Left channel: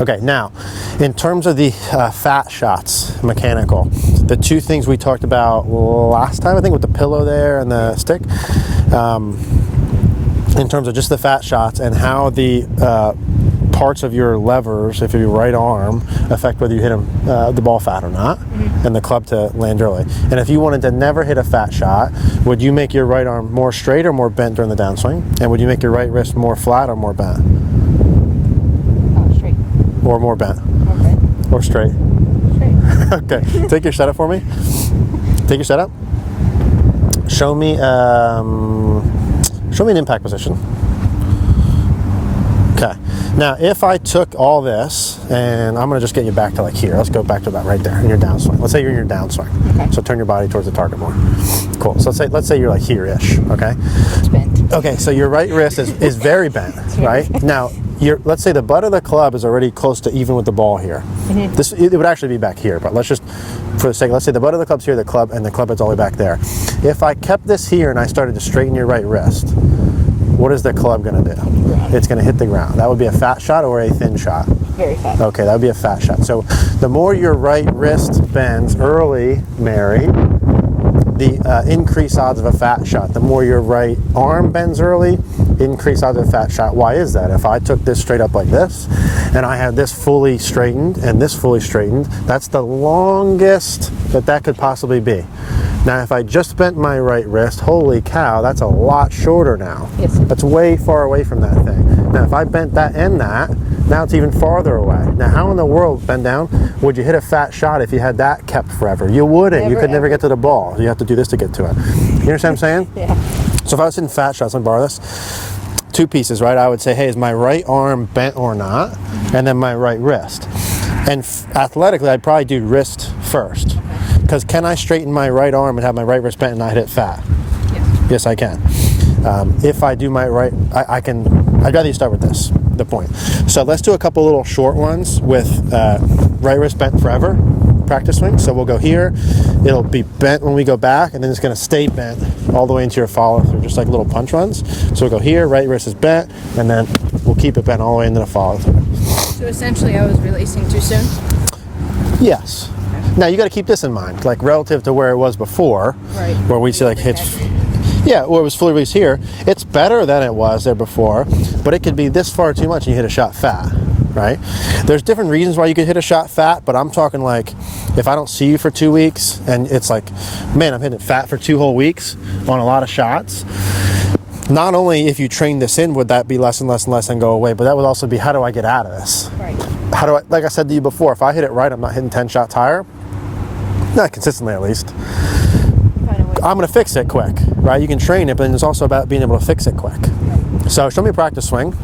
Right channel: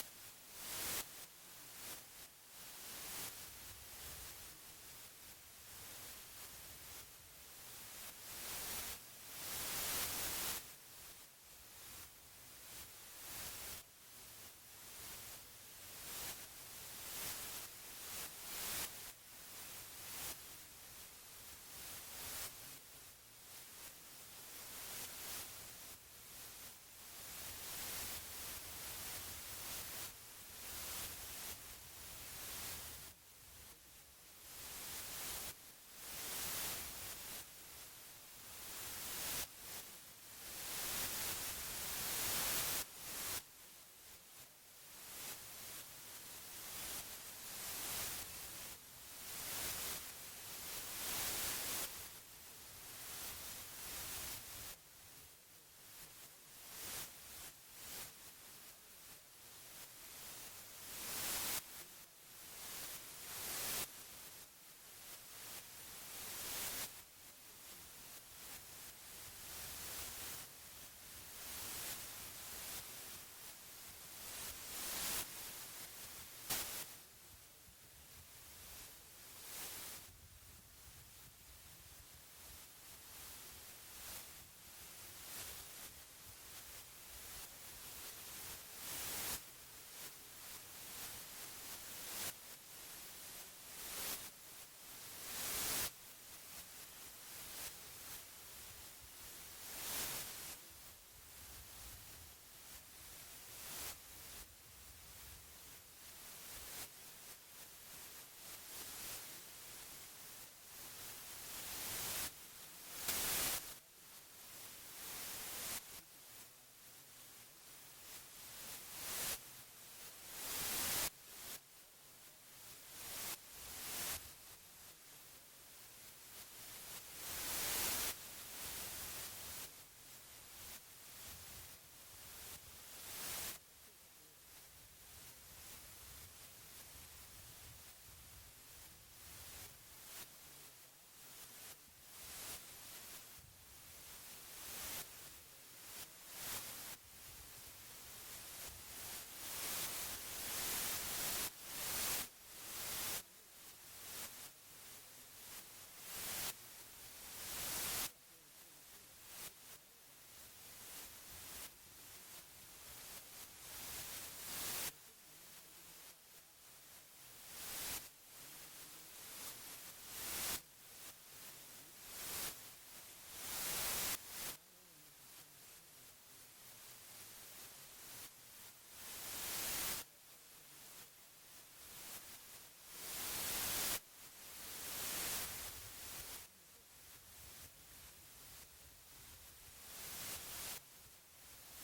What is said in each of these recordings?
Okay, now, in terms of the fat shots, mechanical, the two things we talked about last time, I think with the pillow there and the stick, in terms of just the fat shots and how the parts of your levers, if your right arm, affect whether you hit the ball fat or not, and the club to land early. And if you wanted to never hit a fat shot, would you make your right arm more straight or more bent during the downswing? And would you make your right wrist more flat or more bent? Straight. Or more bent? Okay. Or straight? Straight. Okay, take your setup for me. Take your setup. Show me an impact position. Okay. Now, if I took all this, and I'm going to just get you back to like here. Let's go back to about right there in your downswing. Let's say you're in your downswing. Okay. So turn your body towards the target more. Cool. So let's say you're like here-ish. Okay. It's bent. Okay. So your right wrist is very bent, right? Now, let's say the butt of the club is already close to even with the ball here. It would actually be back here, but let's just, for the sake, let's say the butt of the club's here, the club is all the way back there. If I kept this here and I started to straighten your right wrist, what is the club going to do? It's going to hit the ground. That would be a fat shot or a thin shot? Very fat. Okay, that would be a fat shot. So the more your right wrist bends early, Mary, the increased odds of a fat shot. The more your right arm bends early, increased odds of a fat shot. Why is that? If I took this straight up like this, and I had this fully straightened and this fully straightened, that's the longest that could possibly be. Now, if I just bent my right wrist, holy cow, that's a lot shorter now. Yes. That's way far away from that thing. Now, if I bent that and that, now it's even farther away. Now, how in the world, bend down, would you hit a fat shot if you had that kept forever? You wouldn't. You could never get to the ball. You have to do this to get to it. You understand what I'm saying? Yeah. So if I was hitting fat shots, let me borrow this. Two pieces, right? I would say, hey, is my right arm bent or not? And then my right wrist. And athletically, I'd probably do wrist first. Because can I straighten my right arm and have my right wrist bent and not hit it fat? Yes. Yes, I can. If I do my right, I can, I'd rather you start with this, the point. So let's do a couple little short ones with right wrist bent forever, practice swing. So we'll go here, it'll be bent when we go back, and then it's gonna stay bent all the way into your follow through, just like little punch runs. So we'll go here, right wrist is bent, and then we'll keep it bent all the way into the follow through. So essentially I was releasing too soon? Yes. Now you got to keep this in mind, like relative to where it was before, Right. where we see like hits. Yeah, where it was fully released here. It's better than it was there before, but it could be this far too much and you hit a shot fat, right? There's different reasons why you could hit a shot fat, but I'm talking like if I don't see you for 2 weeks and it's like, man, I'm hitting it fat for 2 whole weeks on a lot of shots. Not only if you train this in would that be less and less and less and go away, but that would also be how do I get out of this? Right. How do I, like I said to you before, if I hit it right, I'm not hitting 10 shots higher. Not consistently, at least. I'm going to fix it quick, right? You can train it, but it's also about being able to fix it quick. So show me a practice swing.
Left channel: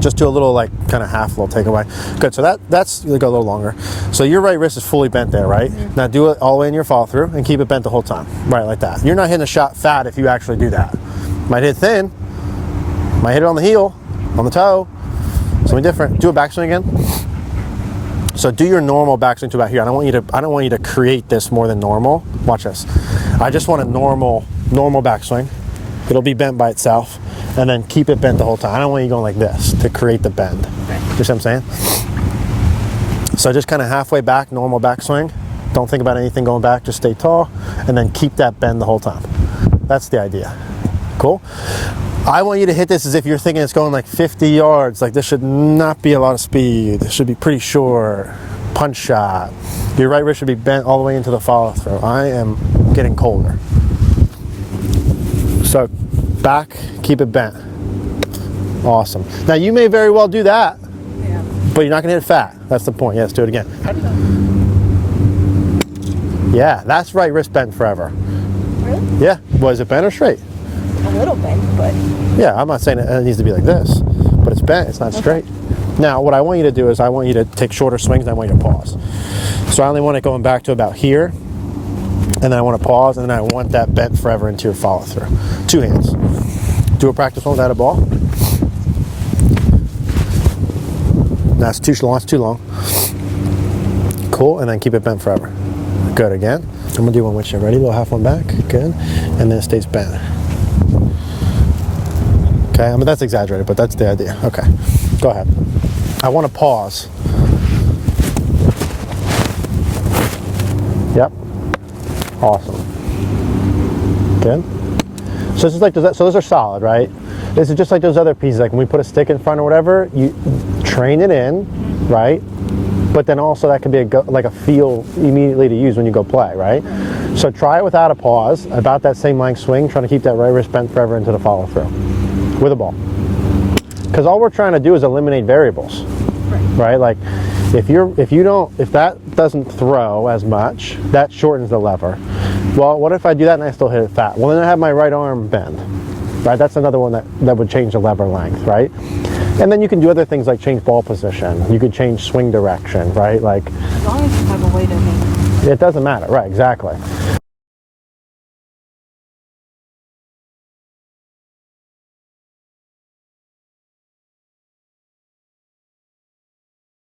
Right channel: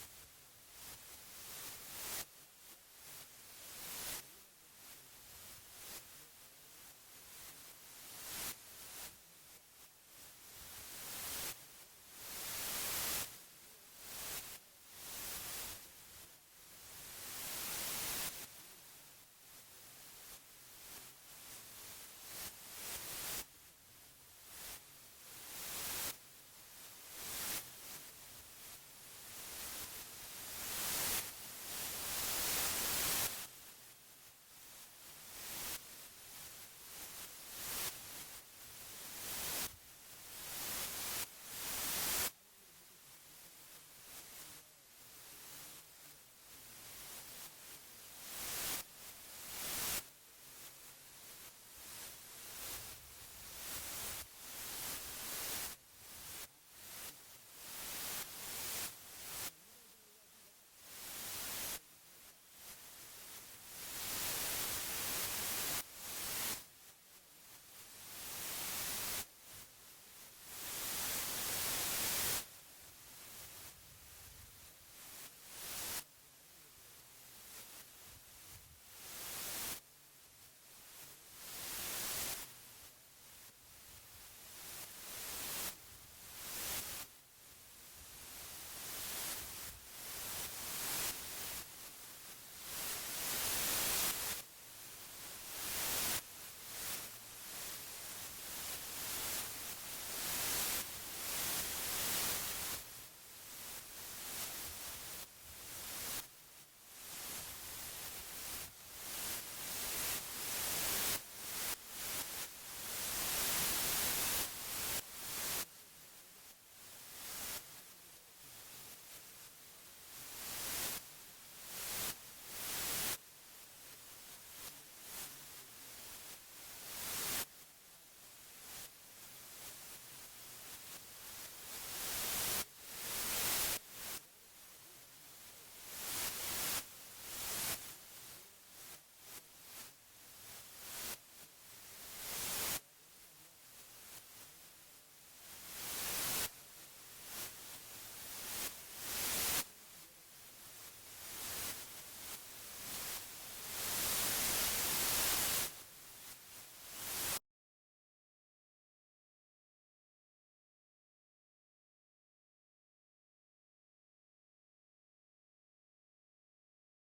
Just do a little like kind of half little takeaway. Good. So that's you go a little longer. So your right wrist is fully bent there, right? Now do it all the way in your follow through and keep it bent the whole time, right? Like that. You're not hitting a shot fat if you actually do that. Might hit thin. Might hit it on the heel, on the toe. Something different. Do a backswing again. So do your normal backswing to about here. I don't want you to create this more than normal. Watch this. I just want a normal backswing. It'll be bent by itself, and then keep it bent the whole time. I don't want you going like this to create the bend. Right. You see what I'm saying? So just kind of halfway back, normal backswing. Don't think about anything going back. Just stay tall, and then keep that bend the whole time. That's the idea. Cool. I want you to hit this as if you're thinking it's going like 50 yards. Like this should not be a lot of speed. This should be pretty short. Punch shot. Your right wrist should be bent all the way into the follow through. I am getting colder. So back, keep it bent. Awesome. Now you may very well do that, but you're not gonna hit it fat. That's the point. Yeah, let's do it again. Yeah, that's right wrist bent forever. Really? Yeah. Was it bent or straight? A little bent, but... Yeah, I'm not saying it needs to be like this, but it's bent, it's not straight. Now, what I want you to do is I want you to take shorter swings and I want you to pause. So I only want it going back to about here, and then I want to pause, and then I want that bent forever into your follow through. 2 hands. Do a practice one without a ball. That's too long, Cool, and then keep it bent forever. Good, again. I'm gonna do one with you. Ready? Little half one back, good. And then it stays bent. Okay, I mean that's exaggerated, but that's the idea. Okay, go ahead. I want to pause. Yep. Awesome. Good. So this is like those, so those are solid, right? This is just like those other pieces. Like when we put a stick in front or whatever, you train it in, right? But then also that could be like a feel immediately to use when you go play, right? So try it without a pause, about that same length swing, trying to keep that right wrist bent forever into the follow through with a ball. Because all we're trying to do is eliminate variables, right? Like if that doesn't throw as much, that shortens the lever. Well, what if I do that and I still hit it fat? Well, then I have my right arm bend, right? That's another one that would change the lever length, right? And then you can do other things like change ball position. You could change swing direction, right? Like, as long as you have a way to make it doesn't matter, right? Exactly.